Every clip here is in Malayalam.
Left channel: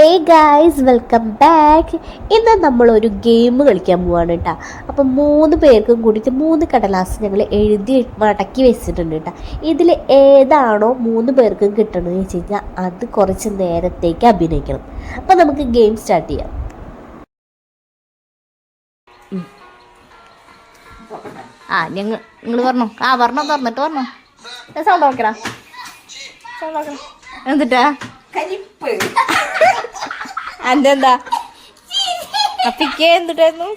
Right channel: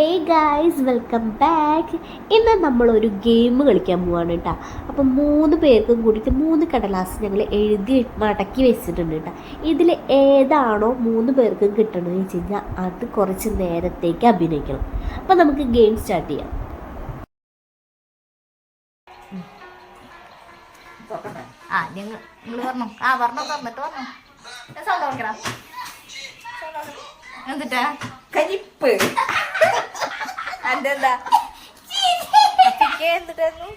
Hey guys, welcome back. ഇന്ന് നമ്മളൊരു ഗെയിം കളിക്കാൻ പോവാണ് കേട്ടോ. അപ്പം 3 പേർക്കും കൂടിയിട്ട് 3 കടലാസ് ഞങ്ങൾ എഴുതി മടക്കി വെച്ചിട്ടുണ്ട് കേട്ടോ. ഇതിൽ ഏതാണോ 3 പേർക്കും കിട്ടണമെന്ന് വെച്ച് കഴിഞ്ഞാൽ അത് കുറച്ച് നേരത്തേക്ക് അഭിനയിക്കണം. അപ്പം നമുക്ക് ഗെയിം സ്റ്റാർട്ട് ചെയ്യാം. നിങ്ങൾ പറഞ്ഞോ. പറഞ്ഞിട്ട് പറഞ്ഞോ. സൗണ്ട് നോക്കടാ. എന്നിട്ടാ കലിപ്പ് എന്താ അപ്പിക്ക് എന്തിട്ടായിരുന്നു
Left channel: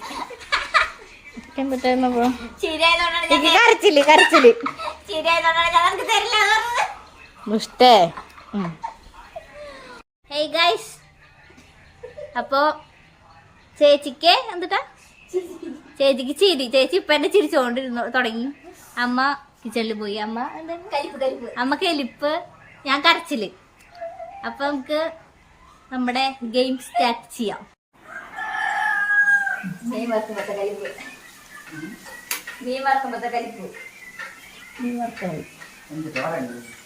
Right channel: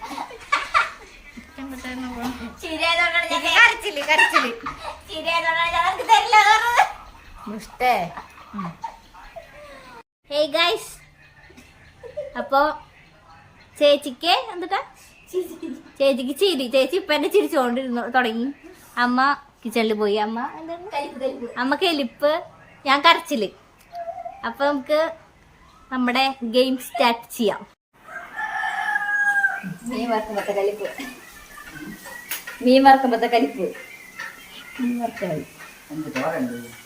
കരച്ചില് മുഷ്ടേ. ഹേയ് ഗൈസ്, അപ്പോ ചേച്ചിക്ക് എന്തിട്ടാ ചേച്ചിക്ക് ചിരി. ചേച്ചി ഇപ്പൊ എന്നെ ചിരിച്ചോണ്ടിരുന്നു തുടങ്ങി. അമ്മ കിച്ചണിൽ പോയി. അമ്മ എന്താണ് അമ്മ കലിപ്പ്, ഞാൻ കരച്ചില്. അപ്പൊ നമുക്ക് നമ്മുടെ ഗെയിം സ്റ്റാർട്ട് ചെയ്യാം.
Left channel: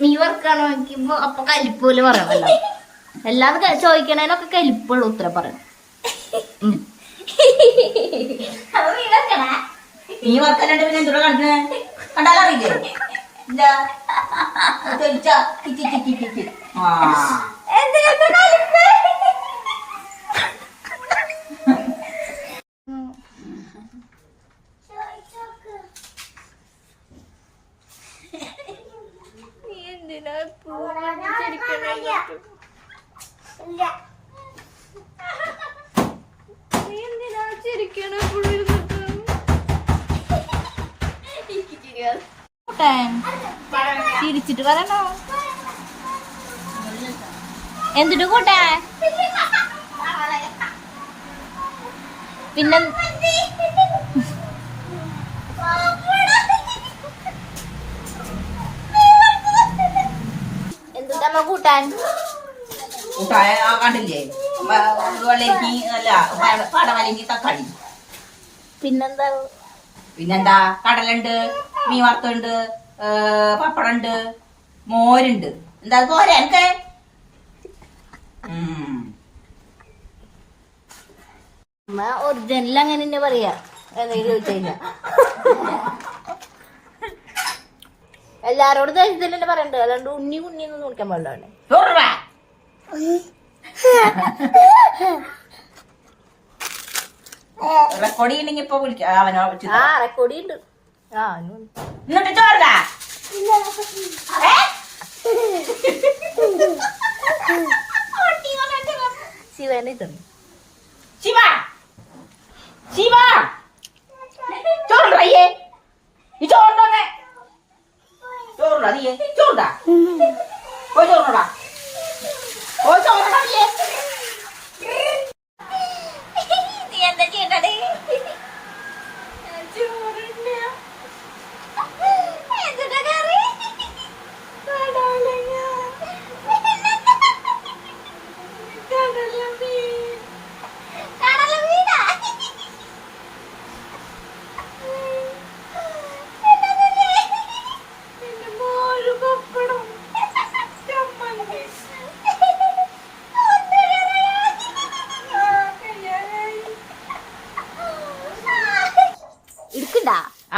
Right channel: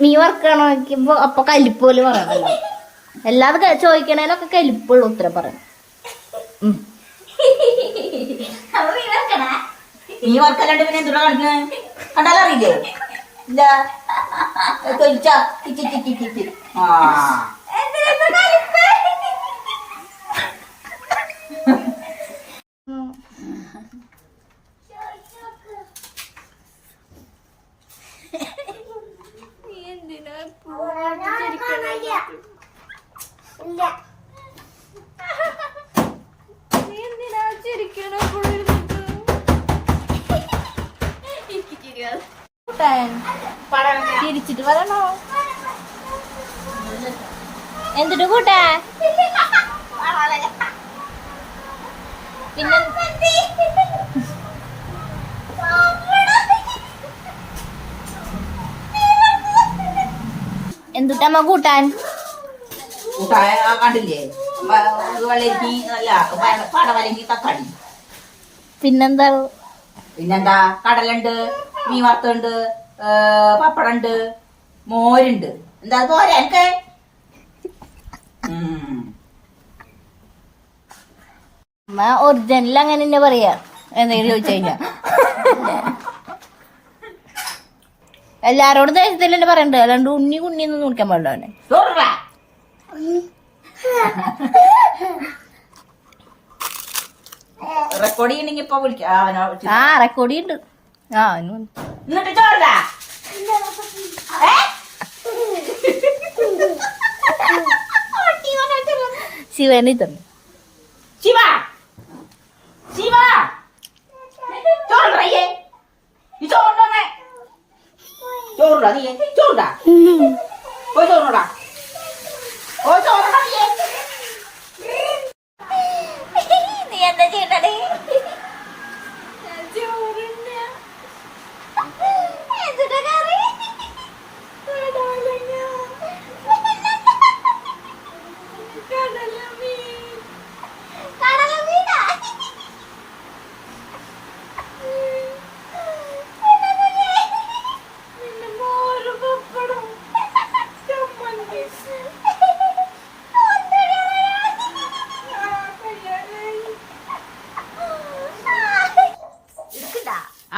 മീൻ വറുക്കാണോ നോക്കുമ്പോ അപ്പൊ കലിപ്പ് പോലെ പറയണല്ലോ. എല്ലാവരും ചോദിക്കണേനൊക്കെ കലിപ്പുള്ള ഉത്തരം പറയണം. നീ വർക്കല്ലാണ്ട് പിന്നെ എന്തുകൂടെ കാണിക്കണേ? കണ്ടാലറിയില്ലേ? ഇല്ല ചിരിച്ചിട്ട് പറയണോ? എന്തിട്ട് കൂട്ടാ? പിന്നെ എന്തുട്ടമ്മ കൂട്ടാൻ? കണ്ടില്ലേ? വെള്ളരിക്ക് അല്ല പടവലങ്ങി തക്കാളി. പിന്നെന്താ കടലുണ്ട്, മീൻ വറുത്തുണ്ട്, പപ്പടമുണ്ട്, മോരുണ്ട്. എന്താ പോരാ എനിക്ക്? ഒറിജിനൽ അങ്ങനെ തന്നെ പറയാ. എന്തെങ്കിലും ചോദിച്ചു കഴിഞ്ഞാ എല്ലാരോടും ദേശത്തിൽ തന്നെ പറയണ്ട. അല്ലാണ്ട് ഉണ്ണി കുണ്ണിയൊന്നും നോക്കാൻ പാടില്ല. അവനെ റെക്കോർഡ് ചെയ്യണമെങ്കിൽ ഇപ്പൊ വിളിക്കാം. അവനോ റെക്കോർഡ് ഉണ്ട്. എന്നിട്ട് ചോറ ശിവനെ തന്നു. ശിവ ശിവ ചോറേ നീ ചോറുണ്ടോന്നെ? ചോറുണ്ടാ നീ? ചോറുണ്ടാ? പോയി ചോറുണ്ടാ. ഓ ചോറുണ്ടാ നീ? നീ എന്താ ചെയ്യണ്ടേ?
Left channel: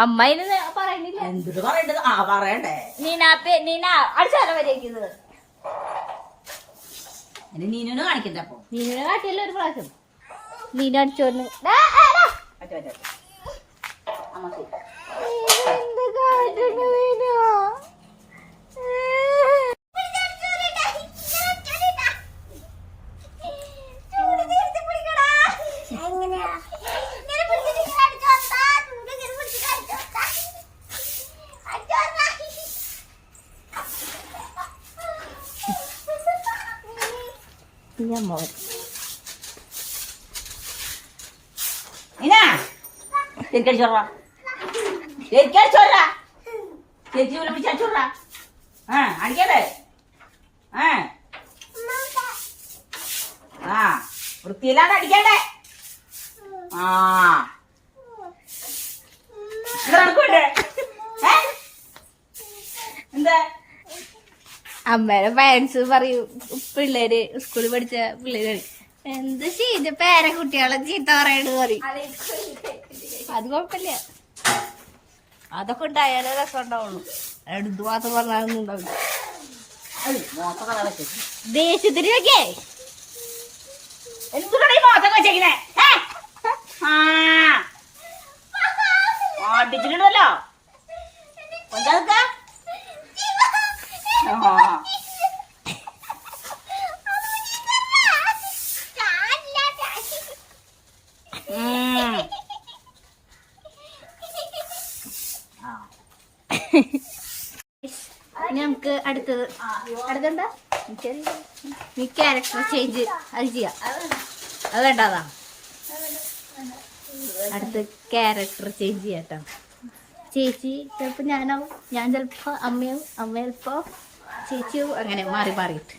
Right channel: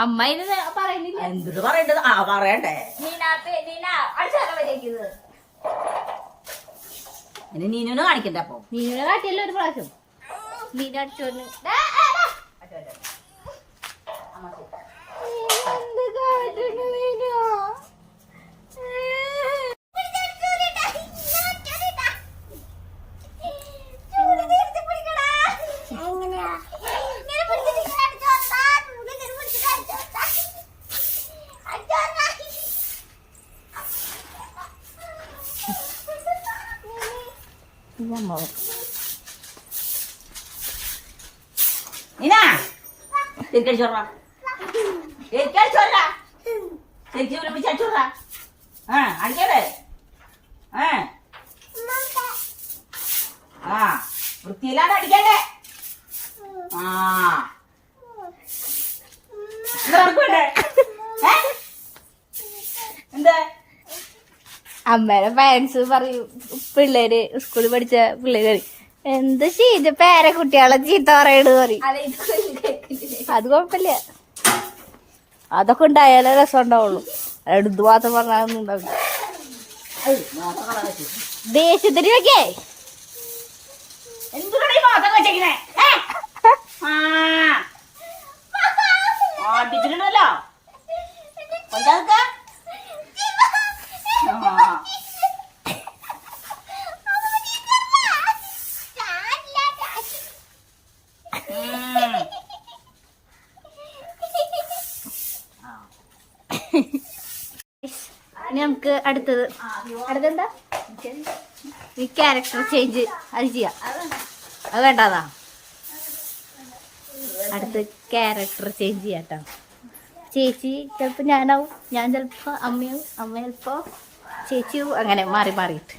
അമ്മയിന് പറയുന്നില്ല. എന്ത് പറയണ്ടത്? പറയണ്ടേ? നീനൊന്ന് കാണിക്കണ്ട. അപ്പൊ നീനെ കാട്ടിയല്ലോ ഒരു പ്രാവശ്യം. നീന അടിച്ചോന്നു. അടിക്കല്ലേ? വൃത്തിയില്ലാതെ അടിക്കണ്ടേ? എന്താ അമ്മേടെ പാരൻസ് പറയൂ പിള്ളേര് സ്കൂളിൽ പഠിച്ച പിള്ളേര് എന്ത് ചെയ്ത് പേരക്കുട്ടികളെ ചീത്ത പറയണ് പറയും. അത് കുഴപ്പമില്ല, അതൊക്കെ ഉണ്ടായാലേ രസം ഉണ്ടാവുള്ളൂ. എടുത്തു മാത്രം പറഞ്ഞാലൊന്നും ഉണ്ടാവില്ല. ദേഷ്യത്തിന് വെക്കേ എന്തിനാണ് ഈ മോത്തൊക്കെ വെച്ചേക്കണേ? ഓട്ടിച്ചിട്ടുണ്ടല്ലോ കൊണ്ടാക്ക. ഇനി നമുക്ക് അടുത്തെന്താ നീ ക്യാരക്ടർ ചേഞ്ച് അത് ചെയ്യാം. അത് വേണ്ടാതാ, അടുത്ത് ക്യാരക്ടർ ചേഞ്ച് ചെയ്യാട്ടോ. ചേച്ചി ചിലപ്പോൾ ഞാനാവും, ഞാൻ ചിലപ്പോൾ അമ്മയാവും, അമ്മ ചിലപ്പോൾ ചേച്ചിയാവും, അങ്ങനെ മാറി മാറിയിട്ട്.